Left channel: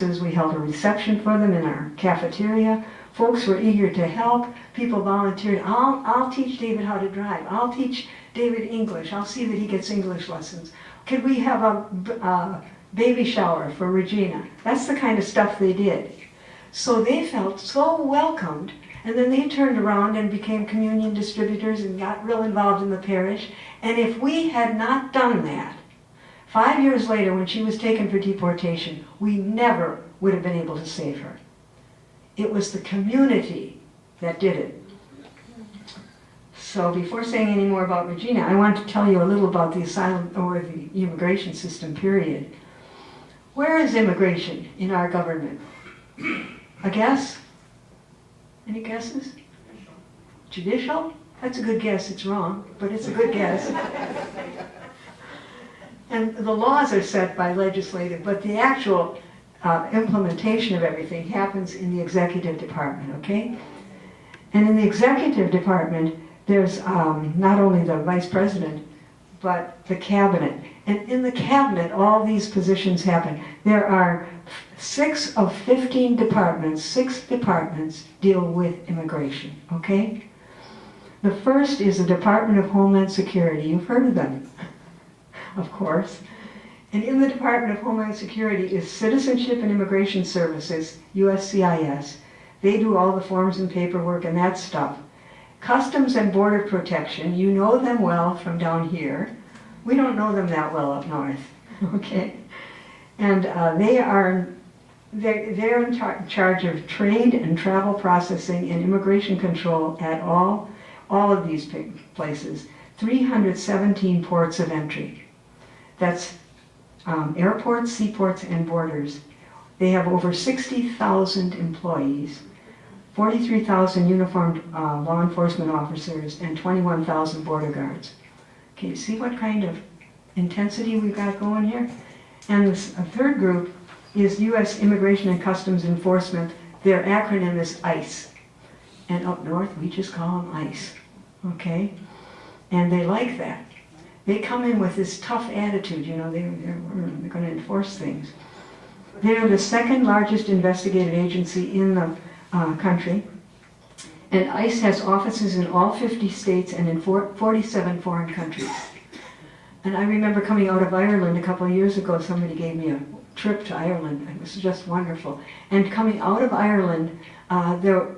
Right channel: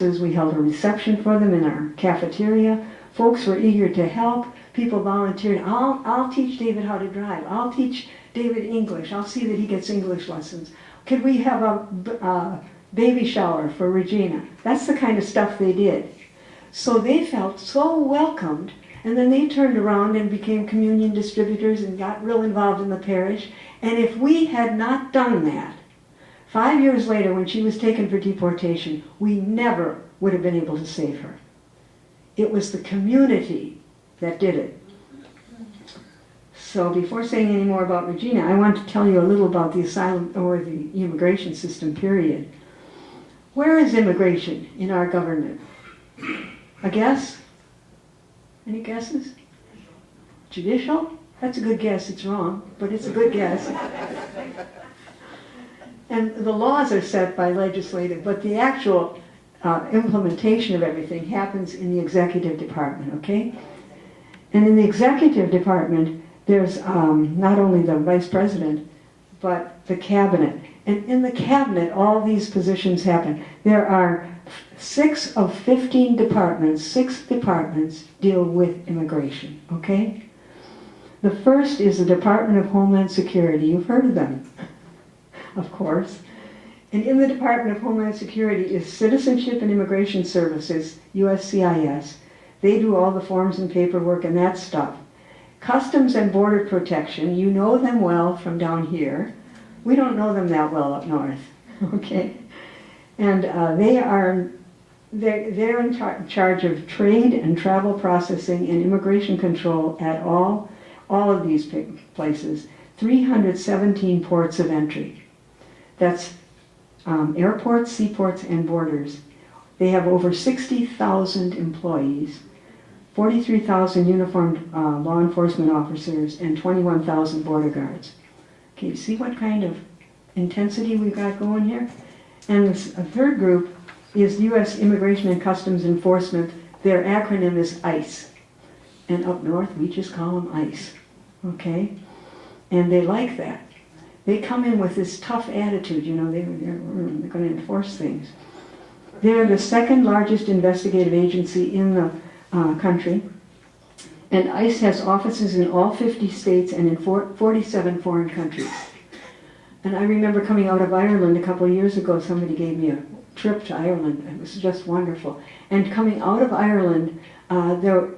We held a reception for them in our cafeteria. Folks were eager to help. People volunteered. I'll teach David how to drive. I'll teach David English. I'll see that he gets English lessons. Could we have a baby shower for Regina? That's the kind of stuff they did. So they felt so welcomed, and then they turned around and became communion distributors and got real involved in the parish. And if we had not done that, 5 years later when she was taken for deportation, we never would have been able to save her. It was the community that did it. So before saying any more about Regina, I want to tell you a little about the asylum or the immigration system, period. Where is immigration in our government? A guess? Any guesses? Judicial? That's a good guess. It's wrong, but it's a good guess. And the laws are set by legislative, but the actual implementation of everything happens in the executive department, okay? And in the executive department, there's not only the vice president, but the cabinet. And in the cabinet, all these positions happen. There are 6 of 15 departments, 6 departments deal with immigration, okay? The first is the Department of Homeland Security. You've heard of them, of course. And in the Department of Homeland Security is Citizenship and Immigration Services, USCIS. They do all the forms and paperwork and that stuff. Customs and Border Protection, you know them well from down here. We don't know them that well up north, okay? And they're in charge of trade and travel processing and immigration control at all of these places. 317 ports of entry. That's airports, seaports, and borders. They have over 60,000 employees, 43,000 uniformed law enforcement officers, and 21,000 border guards. Okay, see what kind of intensity we've got going here? And a third group is U.S. Immigration and Customs Enforcement. Their acronym is ICE. And up north, we just call them ICE, okay? And they like that. They come in with this tough attitude, you know, they're going to enforce things. They're the second largest investigative agency in the country. And ICE has offices in all 50 states and in 47 foreign countries. And I remember coming out of Ireland a couple of years ago, somebody gave me a trip to Ireland, and this was just wonderful. And coming out of Ireland,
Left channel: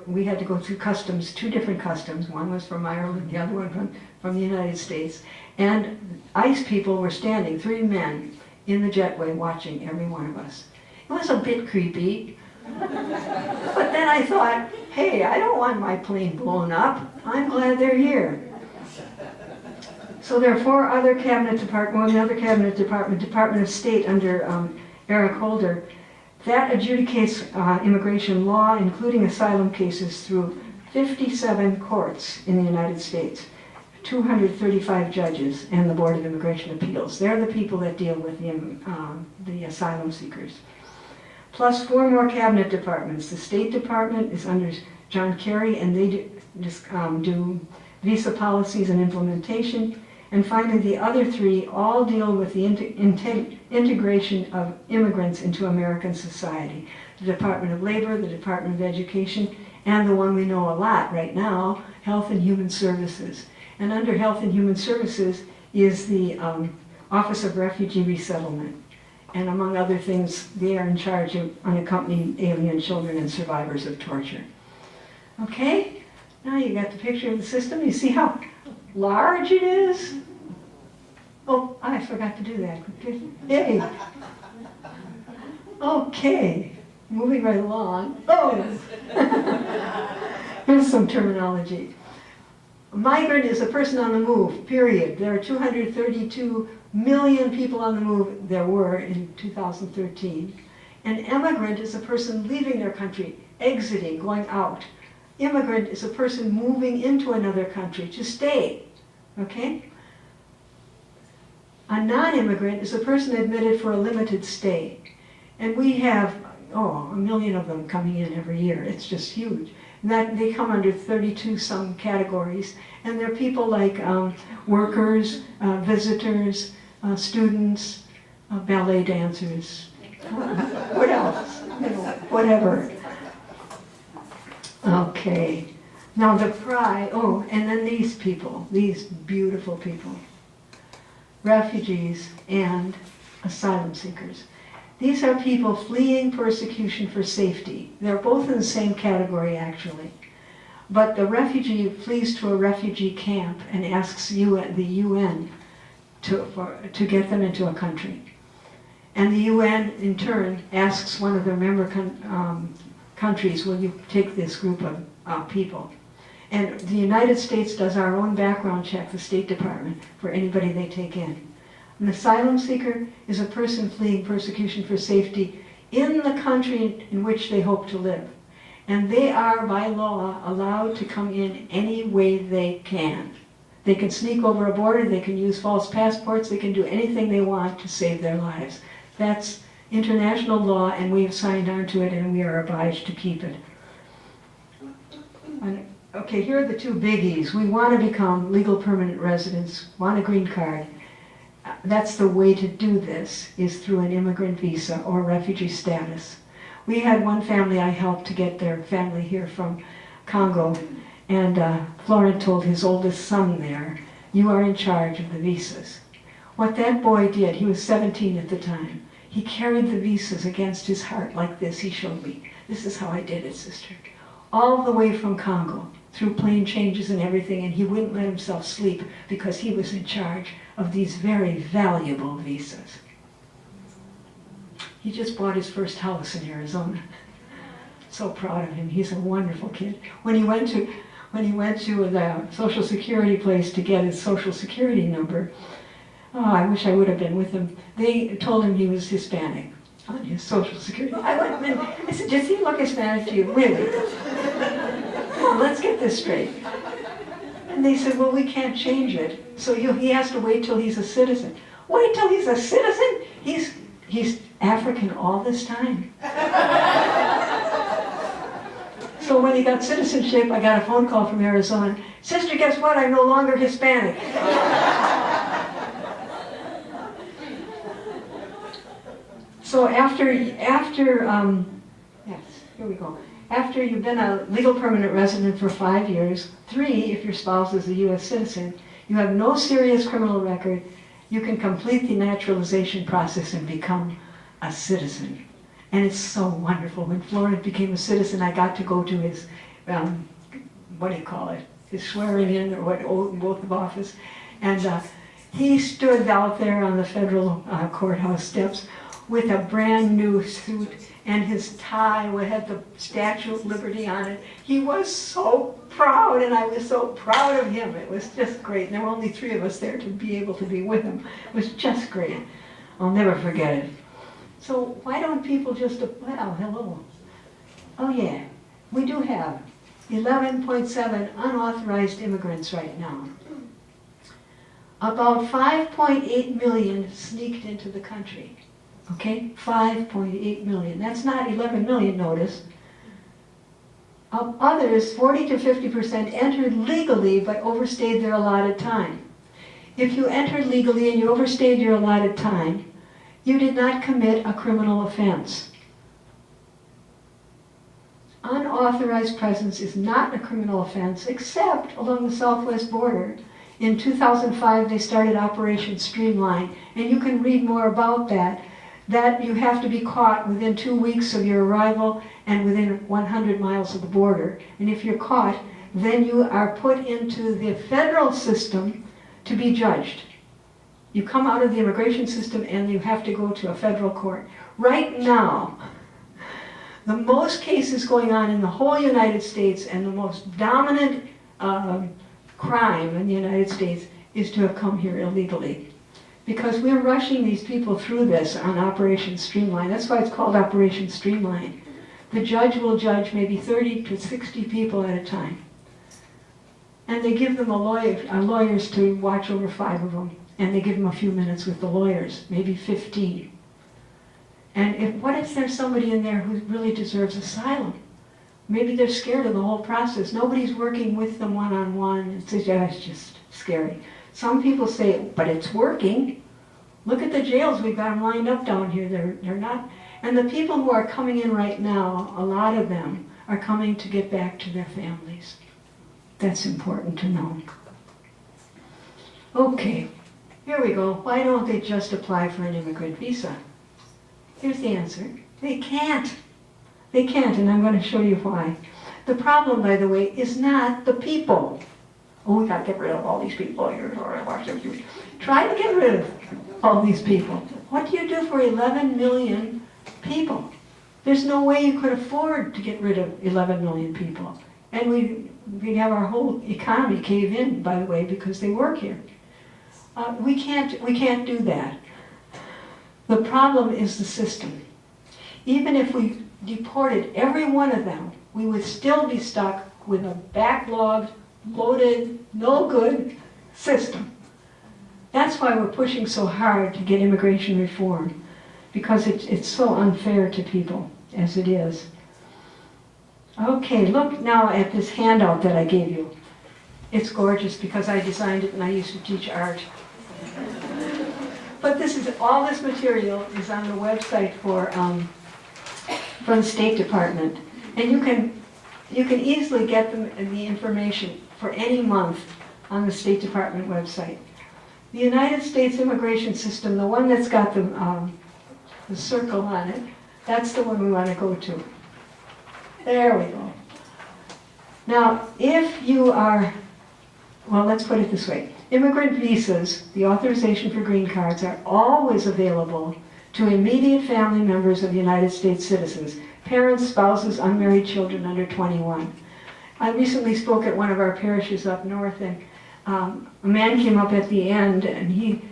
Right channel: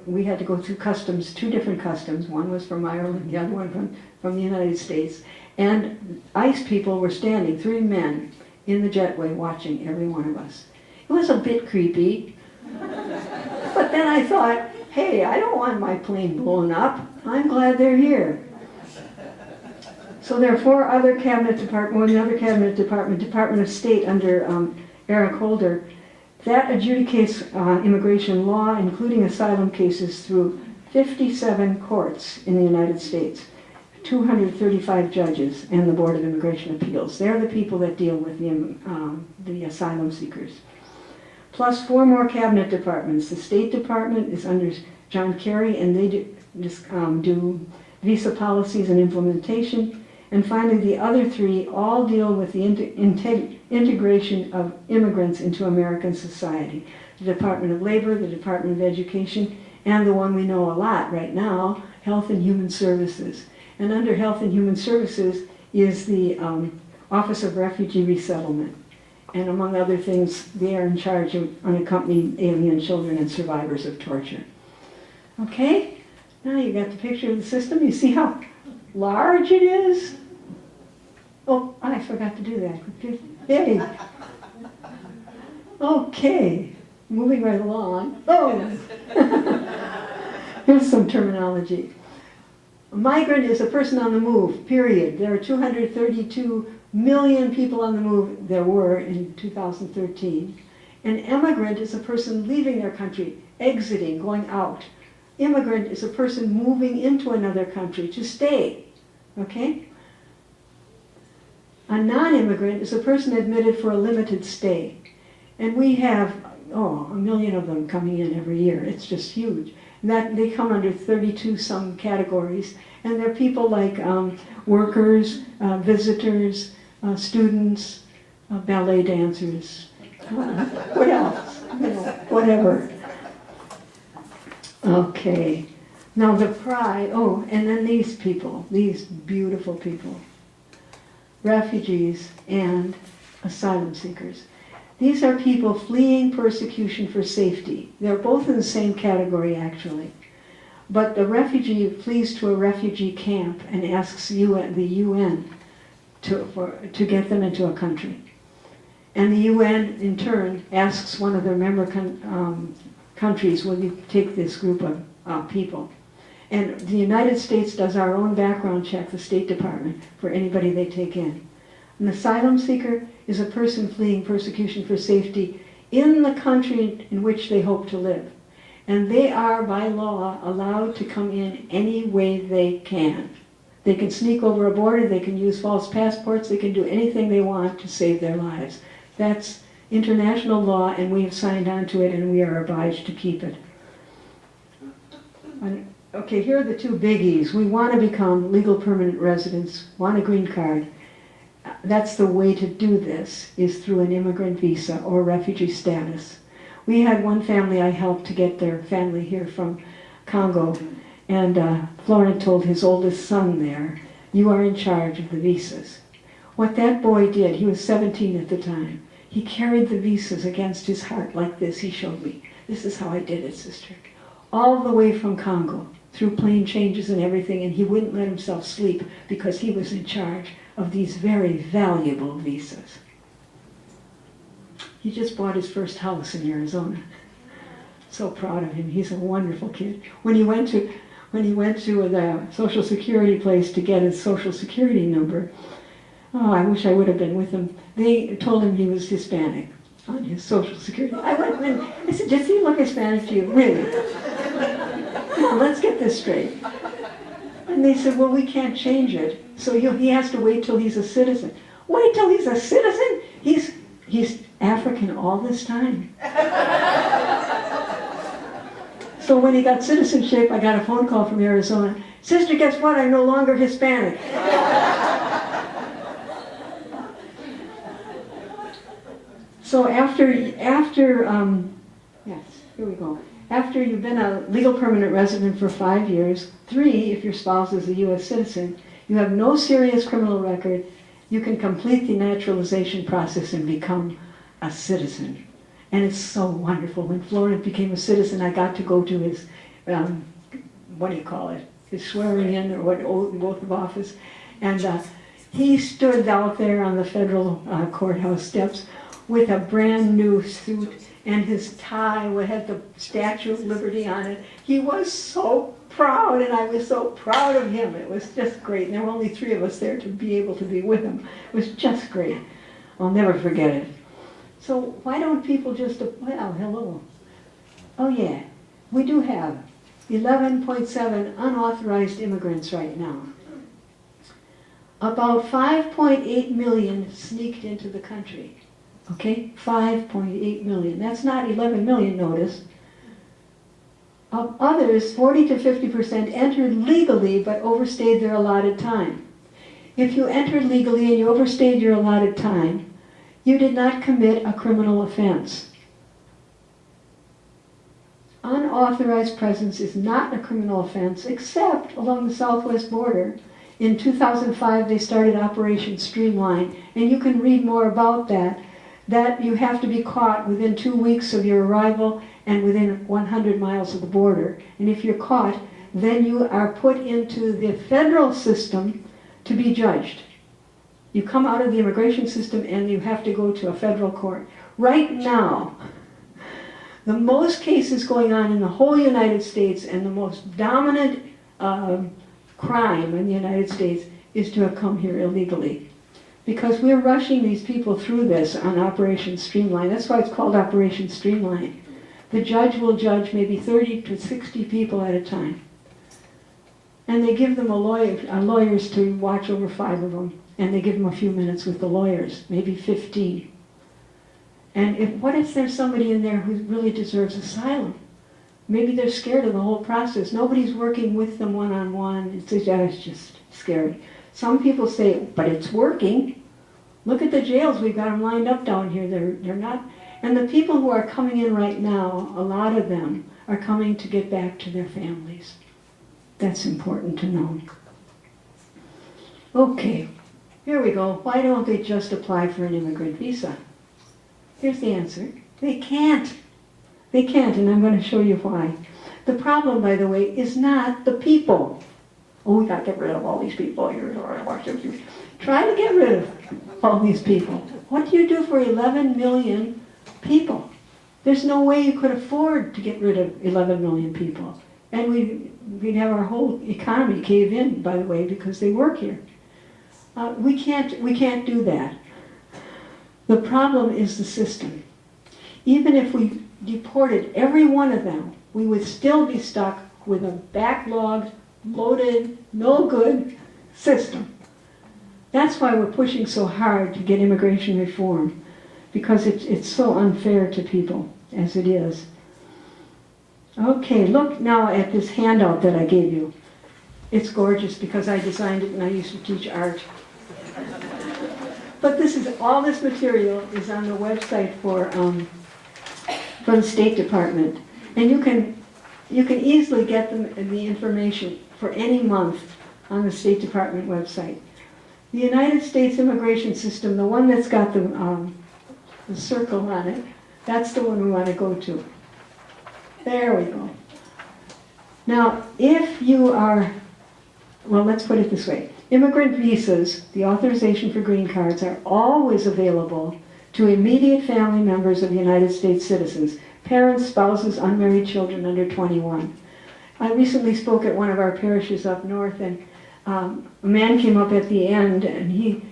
we had to go through customs, 2 different customs. One was from Ireland, the other one from the United States. And ICE people were standing, 3 men, in the jetway watching every one of us. It was a bit creepy. But then I thought, hey, I don't want my plane blown up. I'm glad they're here. So there are 4 other cabinet departments. Well, the other cabinet department, Department of State under Eric Holder, that adjudicates immigration law, including asylum cases, through 57 courts in the United States, 235 judges, and the Board of Immigration Appeals. They're the people that deal with the asylum seekers. Plus 4 more cabinet departments. The State Department is under John Kerry, and they do visa policies and implementation. And finally, the other 3 all deal with the integration of immigrants into American society. The Department of Labor, the Department of Education, and the one we know a lot right now, Health and Human Services. And under Health and Human Services is the Office of Refugee Resettlement. And among other things, they are in charge of unaccompanied alien children and survivors of torture. Okay, now you got the picture of the system. You see how large it is? Oh, I forgot to do that. Big. Okay, moving right along. Oh, here's some terminology. A migrant is a person on the move, period. There are 232 million people on the move, there were in 2013. An immigrant is a person leaving their country, exiting, going out. Immigrant is a person moving into another country to stay, okay? A non-immigrant is a person admitted for a limited stay. And we have, 1 million of them coming in every year. It's just huge. They come under 32 some categories. And they're people like workers, visitors, students, ballet dancers. What else? whatever. Okay. Now the pride, oh, and then these people, these beautiful people, refugees and asylum seekers. These are people fleeing persecution for safety. They're both in the same category, actually. But the refugee flees to a refugee camp and asks the UN to get them into a country. And the UN, in turn, asks one of their member countries, will you take this group of people? And the United States does our own background check, the State Department, for anybody they take in. An asylum seeker is a person fleeing persecution for safety in the country in which they hope to live. And they are, by law, allowed to come in any way they can. They can sneak over a border, they can use false passports, they can do anything they want to save their lives. That's international law, and we have signed on to it, and we are obliged to keep it. Okay, here are the two biggies. We want to become legal permanent residents, want a green card. That's the way to do this, is through an immigrant visa or refugee status. We had one family I helped to get their family here from Congo, and Florent told his oldest son there, you are in charge of the visas. What that boy did, he was 17 at the time, he carried the visas against his heart like this, he showed me. This is how I did it, sister. All the way from Congo, through plane changes and everything, and he wouldn't let himself sleep because he was in charge of these very valuable visas. He just bought his first house in Arizona. So proud of him. He's a wonderful kid. When he went to the Social Security place to get his Social Security number, oh, I wish I would have been with him. They told him he was Hispanic on his Social Security. I went in, I said, does he look Hispanic to you? Really? Come on, let's get this straight. And they said, well, we can't change it. So he has to wait till he's a citizen. Wait till he's a citizen? He's African all this time. So when he got citizenship, I got a phone call from Arizona. Sister, guess what? I'm no longer Hispanic. So after After you've been a legal permanent resident for 5 years, 3 if your spouse is a U.S. citizen, you have no serious criminal record, you can complete the naturalization process and become a citizen. And it's so wonderful. When Florent became a citizen, I got to go to his, his swearing in or oath of office. And he stood out there on the federal courthouse steps with a brand new suit, and his tie had the Statue of Liberty on it. He was so proud, and I was so proud of him. It was just great. And there were only 3 of us there to be able to be with him. It was just great. I'll never forget it. So why don't people just, well, hello. Oh yeah, we do have 11.7 unauthorized immigrants right now. About 5.8 million sneaked into the country. Okay, 5.8 million. That's not 11 million, notice. Of others, 40 to 50% entered legally but overstayed their allotted time. If you entered legally and you overstayed your allotted time, you did not commit a criminal offense. Unauthorized presence is not a criminal offense, except along the southwest border. In 2005, they started Operation Streamline, and you can read more about that. That you have to be caught within 2 weeks of your arrival and within 100 miles of the border. And if you're caught, then you are put into the federal system to be judged. You come out of the immigration system and you have to go to a federal court. Right now, the most cases going on in the whole United States and the most dominant crime in the United States is to have come here illegally. Because we're rushing these people through this on Operation Streamline. That's why it's called Operation Streamline. The judge will judge maybe 30 to 60 people at a time. And they give them lawyers to watch over 5 of them. And they give them a few minutes with the lawyers, maybe 15. And what if there's somebody in there who really deserves asylum? Maybe they're scared of the whole process. Nobody's working with them one-on-one. It's just scary. Some people say, but it's working. Look at the jails. We've got them lined up down here. They're not. And the people who are coming in right now, a lot of them are coming to get back to their families. That's important to know. Okay, here we go. Why don't they just apply for an immigrant visa? Here's the answer. They can't. They can't, and I'm going to show you why. The problem, by the way, is not the people. Oh, we got to get rid of all these people. Try to get rid of all these people. What do you do for 11 million people? There's no way you could afford to get rid of 11 million people. And we'd have our whole economy cave in, by the way, because they work here. We can't do that. The problem is the system. Even if we deported every one of them, we would still be stuck with a backlogged, loaded, no good system. That's why we're pushing so hard to get immigration reform, because it's so unfair to people as it is. Okay, look now at this handout that I gave you. It's gorgeous because I designed it and I used to teach art. But all this material is on the website for the State Department, and you can easily get the information for any month on the State Department website. The United States immigration system, the one that's got the circle on it, that's the one we want to go to. There we go. Now, if you are, well, let's put it this way. Immigrant visas, the authorization for green cards, are always available to immediate family members of United States citizens, parents, spouses, unmarried children under 21. I recently spoke at one of our parishes up north, and a man came up at the end, and he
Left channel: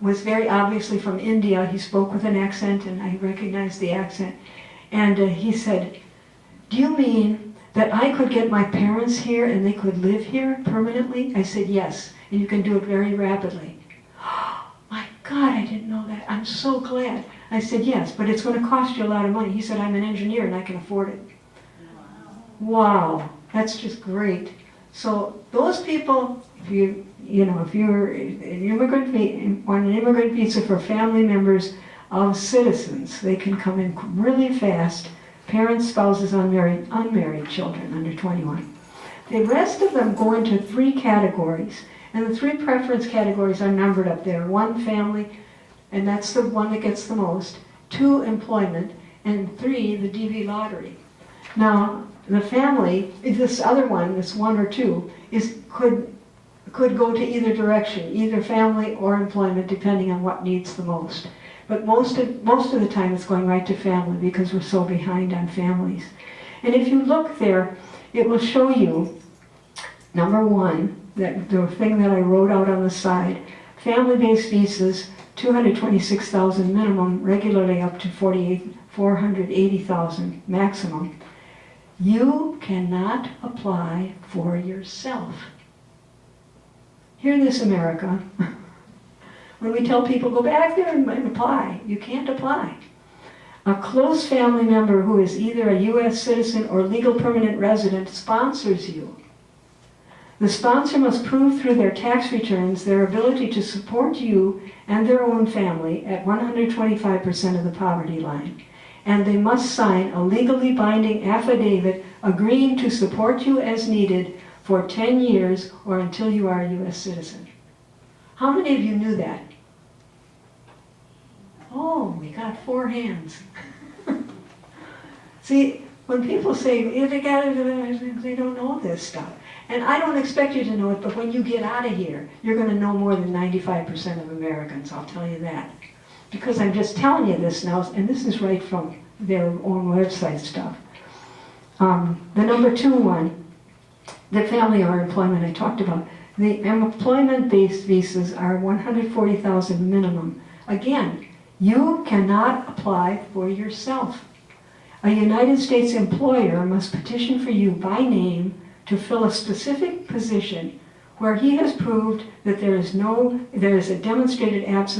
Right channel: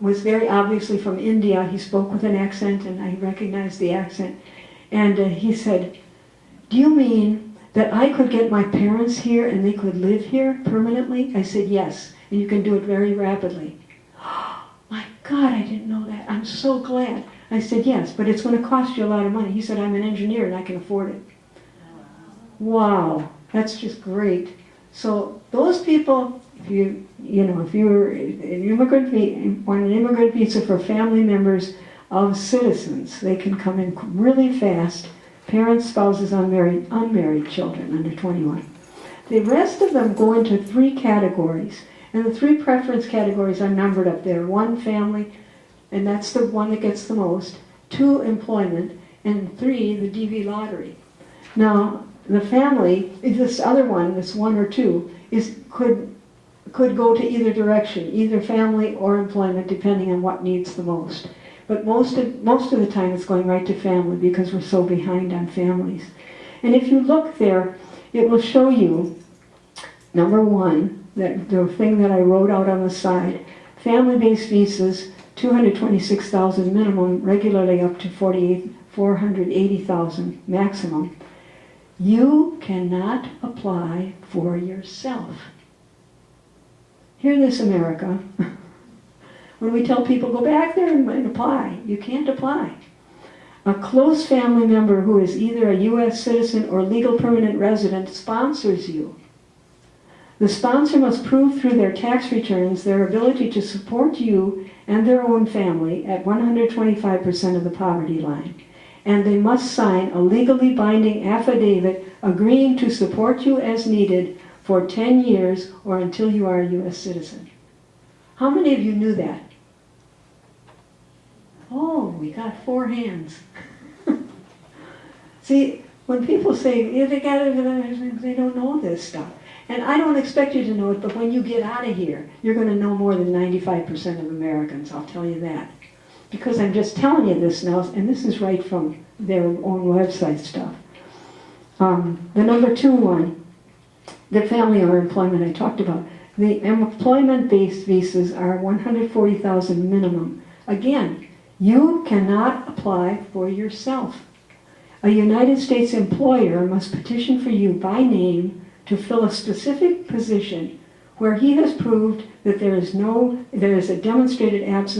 was very obviously from India. He spoke with an accent, and I recognized the accent. And he said, "Do you mean that I could get my parents here and they could live here permanently?" I said, "Yes, and you can do it very rapidly." "Oh, my God, I didn't know that. I'm so glad." I said, "Yes, but it's going to cost you a lot of money." He said, "I'm an engineer and I can afford it." Wow, that's just great. So those people, if you're an immigrant, want an immigrant visa for family members of citizens, they can come in really fast. Parents, spouses, unmarried children under 21. The rest of them go into 3 categories, and the 3 preference categories are numbered up there. 1, family, and that's the one that gets the most. 2, employment, and 3, the DV lottery. Now, the family, this other one, this 1 or 2, could go to either direction, either family or employment, depending on what needs the most. But most of the time it's going right to family because we're so behind on families. And if you look there, it will show you, number 1, that the thing that I wrote out on the side, family-based visas, 226,000 minimum, regularly up to 480,000 maximum. You cannot apply for yourself. Hear this, America. When we tell people, go back there and apply, you can't apply. A close family member who is either a U.S. citizen or legal permanent resident sponsors you. The sponsor must prove through their tax returns their ability to support you and their own family at 125% of the poverty line. And they must sign a legally binding affidavit agreeing to support you as needed for 10 years or until you are a U.S. citizen. How many of you knew that? Oh, we got 4 hands. See, when people say, they don't know this stuff. And I don't expect you to know it, but when you get out of here, you're going to know more than 95% of Americans, I'll tell you that. Because I'm just telling you this now, and this is right from their own website stuff. The number 2 one, the family or employment I talked about. The employment-based visas are 140,000 minimum. Again, you cannot apply for yourself. A United States employer must petition for you by name to fill a specific position where he has proved that there is a demonstrated absence